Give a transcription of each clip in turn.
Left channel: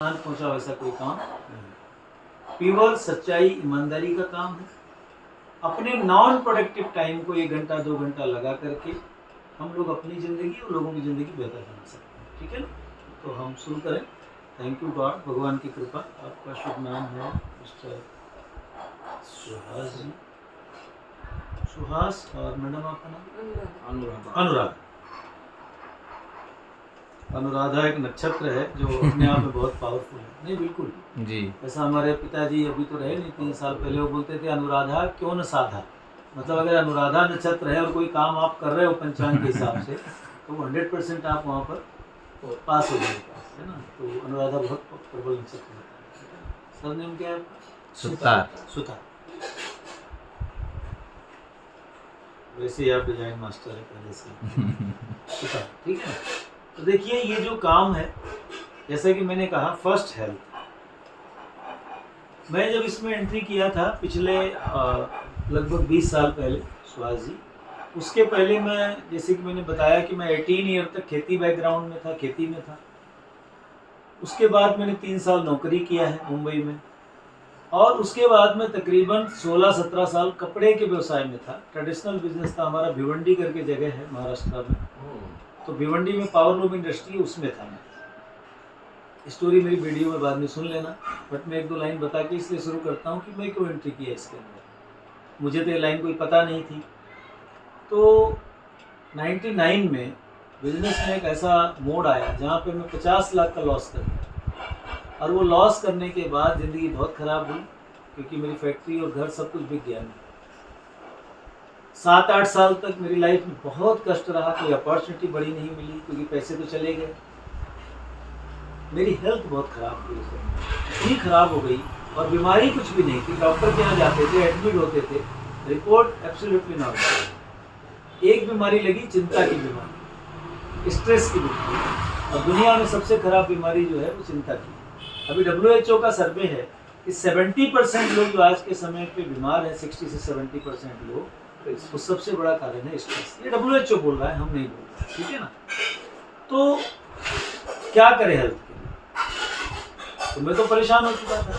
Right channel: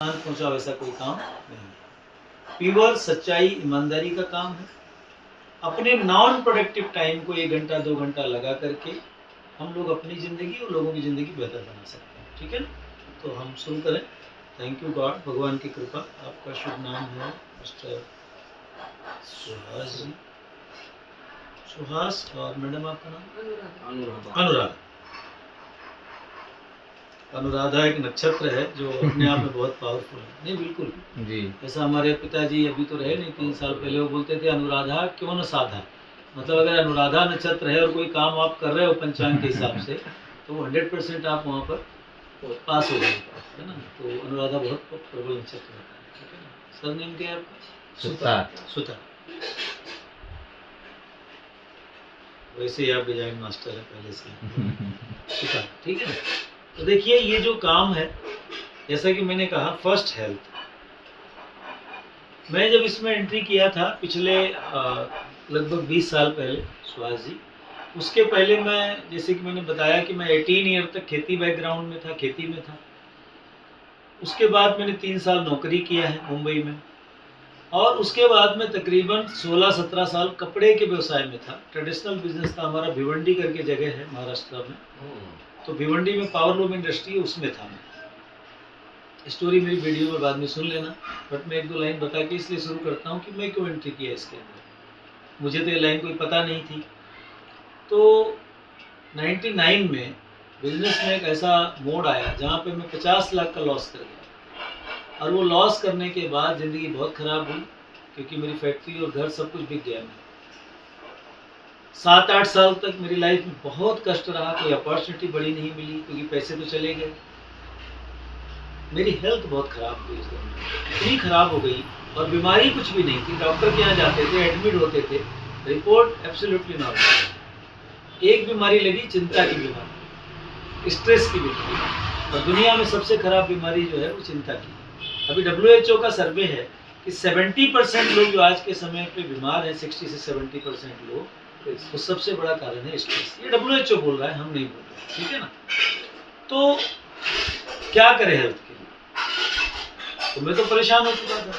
नुकसान पहुंचा वैसा कोई काम नहीं। प्योर सच्चाई ईमानदारी का काम है। अपने नॉन प्रोडक्टिव टाइम को 1 घंटा 2 घंटा लगा करके हम लोग अपनी ज़िंदगी और लोगों की ज़िंदगी बेहतर बना सकते हैं। ठीक है ना? तो हम शुरू करें। थैंक यू गॉड, भगवान की कृपा। आपका शुभ नाम है मिस्टर सुहास जी। सुहास, और मैडम आपका नाम? अनुराधा। अनुराधा एक नक्षत्र है जो अपने आप में बहुत पावरफुल है। नहीं, बिल्कुल जी। ऐसा हमारे पिताजी अभी तो रहे नहीं, 3 साल पहले वो बोलते थे अनुराधा क्यों न साधा। मतलब अगर अनुराधा नक्षत्र है और कोई काम आप कर रहे हो पंचांग के हिसाब से तो 100% आप वहाँ पर पास हो जाएगा, है ना? तो अनुराधा बहुत प्रबल नक्षत्र होता है। ठीक है ना? सर नेम क्या है आपका? सुतार। सुतार। वैसे ही आप डिजाइन मास्टर है पहले से। सुतार, ठीक है ना? तो देखिए ये जो काम है, जैसा कि मैंने कहा, फर्स्ट हेल्थ। मैं जब इसमें एंट्री किया था पिछले लगभग 20 साल पहले, सुहास जी, उसके पहले मैं, जैसे कि मैंने बताया कि मैं 18 ईयर तक खेती बैकग्राउंड में था, खेती में था। उसके बाद मैंने 3 साल नौकरी किया है मुंबई में, और उसके बाद में तकरीबन 16-17 साल कपड़े के व्यवसाय में था। ट्रेडिशनल बिजनेस था हमारा। भिवंडी करके जगह है महाराष्ट्र में, तो भिवंडी में पावरलूम इंडस्ट्री है, उसमें था मैं। स्टोरी मेरी वीडियो में बाद में सुन लेना, बट मैं 1-2 लाइन बता के इसलिए शुरू करता हूँ कि मैं क्यों एंट्री किया इसके अंदर। मुझे तो ये लाइन कोई पता नहीं थी। तो 99 में बिजनेस में एक ऐसा मोड़ आया जहाँ पे मैं 50 लाख का लॉस कर गया, और वो लॉस करने के बाद ज़िंदगी बहुत ख़राब हुई, क्योंकि मेरी फैक्ट्री और घर सब कुछ बिक गया। मैं 7-8 साल तक मेरी लाइफ में बहुत कष्ट रहा। कोई अपॉर्चुनिटी बड़ी नहीं मिली, क्योंकि पैसे तो चले गए। मेरी हेल्थ बहुत ख़राब हुई, इतनी ख़राब हो गई, और बीमारी कुछ भी नहीं थी। डॉक्टर के यहाँ जाते थे, एडमिट होते थे, रिपोर्ट एब्सोल्युटली नॉर्मल। एक बीमारी लगी, चिंता की बीमारी, स्ट्रेस की बीमारी, और दुनिया में सबसे ख़राब बीमारी जो है वो चिंता की। अभी WHO का सर्वे है कि 70% लोग जो आज के समय पे बीमार हैं, 60 से 70% लोग, वो सबसे बड़ा कारण है स्ट्रेस। ये WHO बोल रहा है, हम नहीं बोल रहे, ठीक है ना? तो क्या करें हेल्थ के लिए? तो मैं तो परेशान हो चुका था।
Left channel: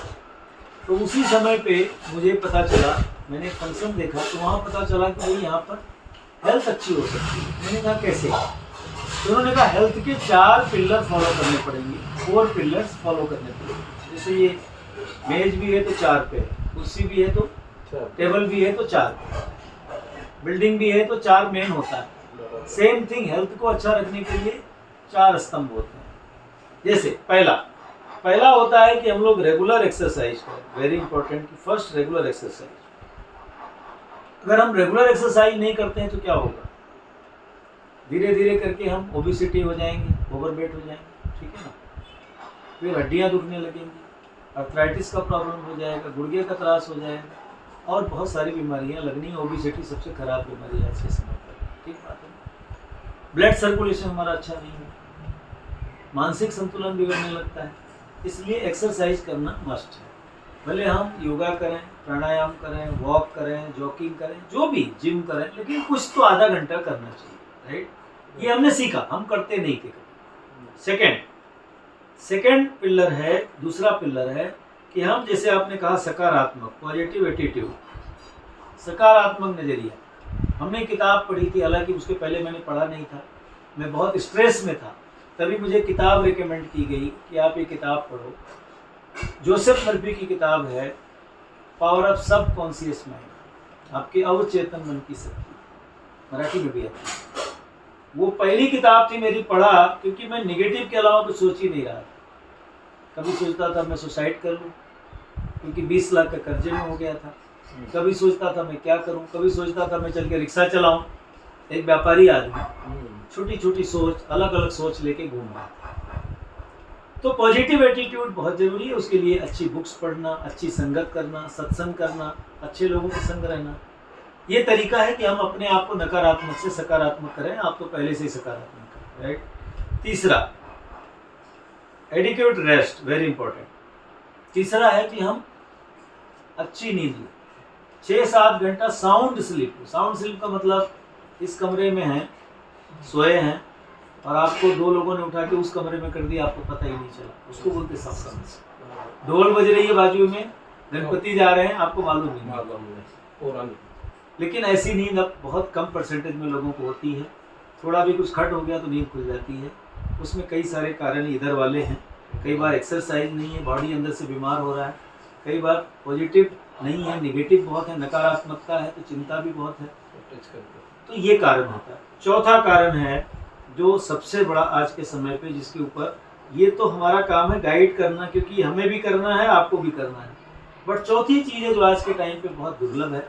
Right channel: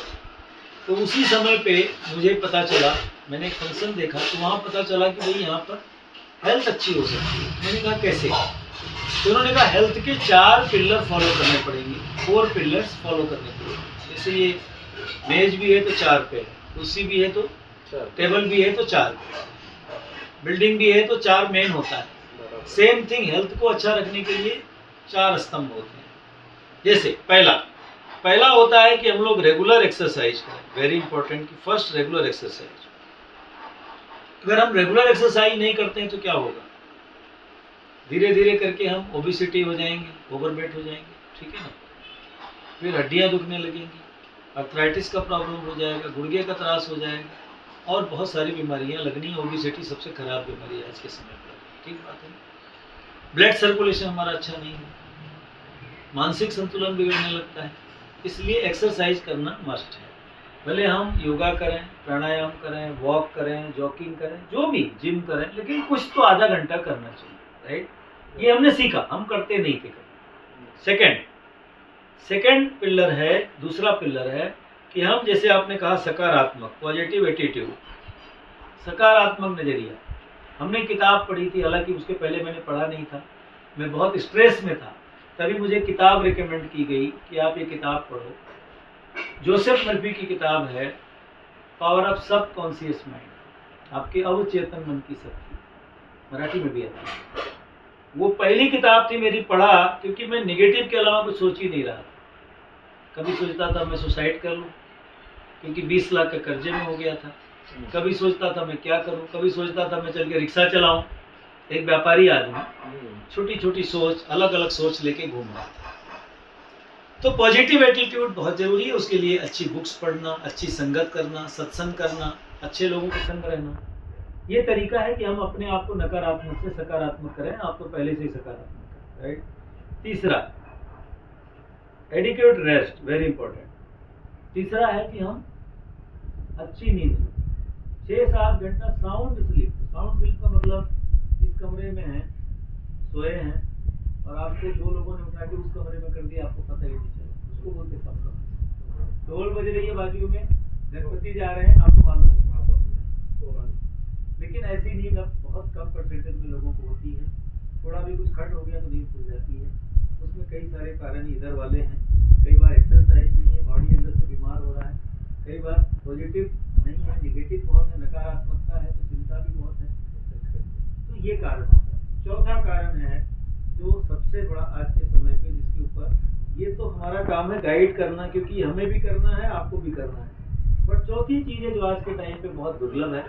तो उसी समय पे मुझे पता चला, मैंने एक फंक्शन देखा, तो वहाँ पता चला कि भाई यहाँ पर हेल्थ अच्छी हो सकती है। मैंने कहा कैसे? तो उन्होंने कहा हेल्थ के 4 पिलर फॉलो करने पड़ेंगे, 4 पिलर्स फॉलो करने पड़ेंगे। जैसे ये मेज भी है तो 4 पे है, कुर्सी भी है तो, टेबल भी है तो 4 पे, बिल्डिंग भी है तो 4 मेन होता है। सेम थिंग हेल्थ को अच्छा रखने के लिए 4 स्तंभ होते हैं। जैसे पहला होता है कि हम लोग रेगुलर एक्सरसाइज करें। वेरी इंपॉर्टेंट कि फर्स्ट रेगुलर एक्सरसाइज। अगर हम रेगुलर एक्सरसाइज नहीं करते हैं तो क्या होगा? धीरे धीरे करके हम ओबेसिटी हो जाएंगे, ओवरवेट हो जाएंगे, ठीक है ना? फिर हड्डियां दुखने लगेंगी, आर्थराइटिस का प्रॉब्लम हो जाएगा, गुर्गे का त्रास हो जाएगा, और बहुत सारी बीमारियां लगनी। ओबेसिटी सबसे खराब बीमारी है आज के समय पर, ठीक बात है। ब्लड सर्कुलेशन हमारा अच्छा नहीं है, मानसिक संतुलन बिगड़ने लगता है। इसलिए एक्सरसाइज करना मस्ट है। भले हम योगा करें, प्राणायाम करें, वॉक करें, जॉगिंग करें, जो भी, जिम करें, लेकिन कुछ तो आधा घंटा करना चाहिए, राइट? ये हमने सीखा, हम करते नहीं थे कभी। सेकंड पिलर है, दूसरा पिलर है कि हम, जैसे आपने कहा, सकारात्मक, पॉजिटिव एटीट्यूड, सकारात्मक नज़रिया। हमने किताब पढ़ी थी, हालांकि उसके पहले मैंने पढ़ा नहीं था, मैं बहुत स्ट्रेस में था, तभी मुझे किताब रिकमेंड की गई कि आप ये किताब पढ़ो। जोसेफ मर्फी की किताब है पावर ऑफ सब कॉन्शियस माइंड, आपके अवचेतन मन की शक्ति, मराठी में भी आती है। वो पहली किताब थी मेरी, पढ़ा, क्योंकि मैं नेगेटिव के अलावा कुछ सोच ही नहीं रहा था। कभी सोचता था मैं सुसाइड कर लूँ, क्योंकि 20 लाख का कर्जे में हो गया था। कभी सोचता था मैं क्या करूँ, कभी सोचता था मैं चल के रिक्शा चलाऊँ। एक व्यापारी आदमी, छोटी छोटी सोच, अलग अलग सोच लेके घूम रहा था। तो पॉजिटिव एटीट्यूड बहुत ज़रूरी है। उसके लिए अच्छी बुक्स पढ़ना, अच्छी संगत करना, सत्संग करना, अच्छे लोगों के संग रहना, ये तरीका है कि हम अपने आप को नकारात्मक से सकारात्मक करें। आप तो पहले से ही सकारात्मक करें, राइट? तीसरा, एडिक्वेट रेस्ट, वेरी इंपॉर्टेंट। तीसरा है कि हम अच्छी नींद लें, 6-7 घंटा साउंड स्लीप। साउंड स्लीप का मतलब इस कमरे में हैं, सोए हैं, और आपको 2 लोगों ने उठा के उस कमरे में कर दिया, आपको पता ही नहीं चला, उसको बोलते सत्संग। ढोल बज रही है बाजू में, गणपति जा रहे हैं, आपको मालूम नहीं। लेकिन ऐसी नींद अब बहुत कम परसेंटेज में लोगों को होती है। थोड़ा भी कुछ खट हो गया तो नींद खुल जाती है। उसमें कई सारे कारण इधर वाले हैं। कई बार एक्सरसाइज नहीं है, बॉडी अंदर से बीमार हो रहा है। कई बार पॉजिटिव नहीं है, नेगेटिव बहुत है, नकारात्मकता है, तो चिंता भी बहुत है। तो ये कारण होता है। चौथा कारण है जो सबसे बड़ा आज के समय पे, जिसके ऊपर ये तो हमारा काम है गाइड करना, क्योंकि हमें भी करना है, आपको भी करना है। बट चौथी चीज़ है जो आज के टाइम पे बहुत दुर्लभ है,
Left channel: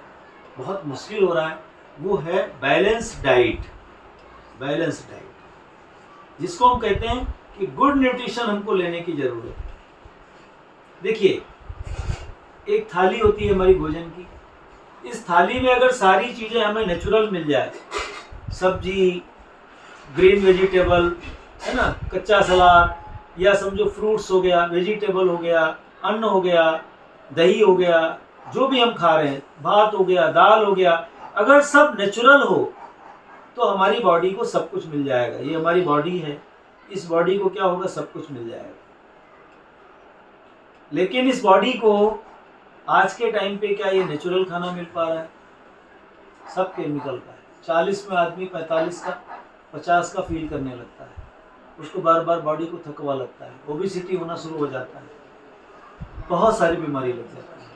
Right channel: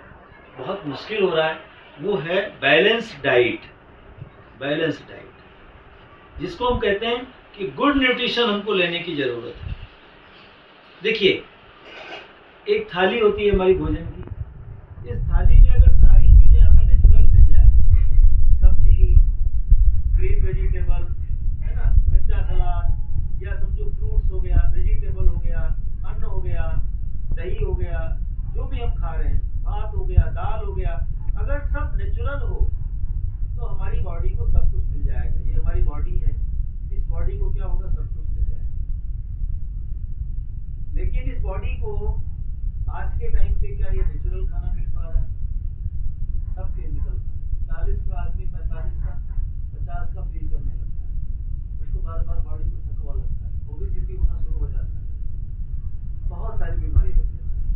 बहुत मुश्किल हो रहा है, वो है बैलेंस डाइट। बैलेंस डाइट जिसको हम कहते हैं कि गुड न्यूट्रिशन हमको लेने की ज़रूरत है। देखिए, एक थाली होती है हमारी भोजन की। इस थाली में अगर सारी चीज़ें हमें नेचुरल मिल जाए, सब्जी, ग्रीन वेजिटेबल, है ना, कच्चा सलाद, या समझो फ्रूट्स हो गया, वेजिटेबल हो गया, अन्न हो गया, दही हो गया, जो भी हम खा रहे हैं, भात हो गया, दाल हो गया, अगर सब नेचुरल हो तो हमारी बॉडी को सब कुछ मिल जाएगा। ये हमारी बॉडी है, इस बॉडी को क्या होगा, सब कुछ मिल जाएगा। लेकिन इस बॉडी को आज के टाइम पे क्या ये नेचुरल खाना मिल पा रहा है? सब केमिकल का है। 40 में आदमी 45 का 50 का फील करने लगता है, उसको बार बार बॉडी को थकवा लगता है, ओबेसिटी होना शुरू हो जाता है, बहुत सारी बीमारी लग जाती है।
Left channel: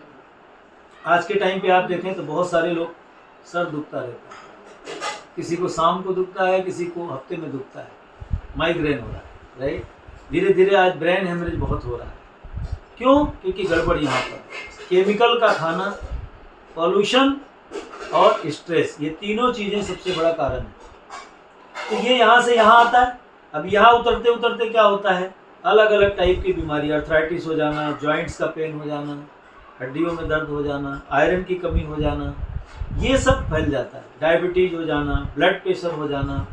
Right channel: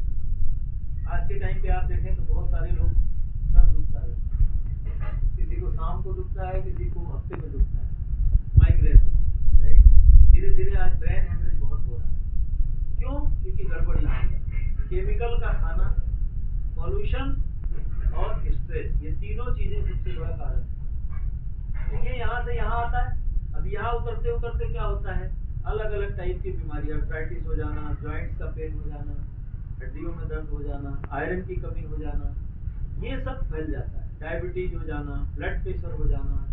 आज के टाइम पे आप देखें तो बहुत सारे लोग सर दुखता रहता है, किसी को शाम को दुखता है, किसी को हफ्ते में दुखता है, माइग्रेन हो रहा है, राइट। धीरे धीरे आज ब्रेन हेमरेज बहुत हो रहा है। क्यों? क्योंकि गड़बड़ यहाँ पर केमिकल का खाना, पॉल्यूशन और स्ट्रेस, ये तीनों चीज़ें सबसे बड़ा कारण है। तो ये यहाँ से यहाँ आता है। अब यहाँ उतरते उतरते क्या होता है, अलग अलग टाइप की बीमारी, अर्थराइटिस हो जाना, जॉइंट्स का पेन हो जाना, हड्डियों में दर्द हो जाना, आयरन की कमी हो जाना, ये सब फैल जाता है। डायबिटीज हो जाना, ब्लड प्रेशर हो जाना,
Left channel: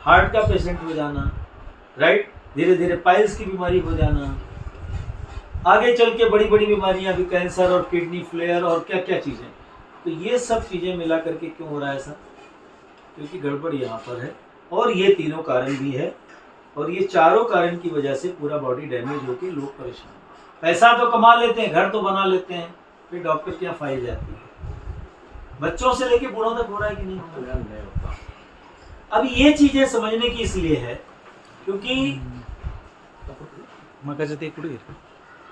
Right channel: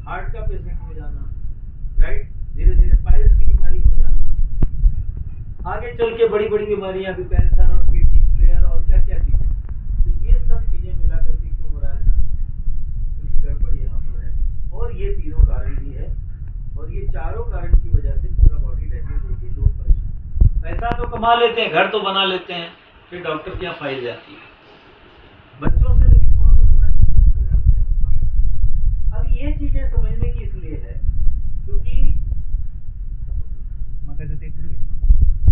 हार्ट का पेशेंट हो जाना, राइट। धीरे धीरे पाइल्स की बीमारी हो जाना, आगे चल के बड़ी बड़ी बीमारियां भी, कैंसर और किडनी फेलियर और क्या क्या चीज़ें। तो ये सब चीज़ें मिला करके क्यों हो रहा है ऐसा? क्योंकि गड़बड़ यहाँ पर है, और ये तीनों कारण भी है, और ये चारों कारण की वजह से पूरा बॉडी डैमेज होकर लोग परेशान। पैसा तो कमा लेते हैं, घर तो बना लेते हैं, फिर डॉक्टर के यहाँ फाइल जाती है। बच्चों से लेके बूढ़ों तक हो रहा है कि नहीं होता? अब ये चीज़ें समझने की इसलिए है क्योंकि मगाचं ते कुठे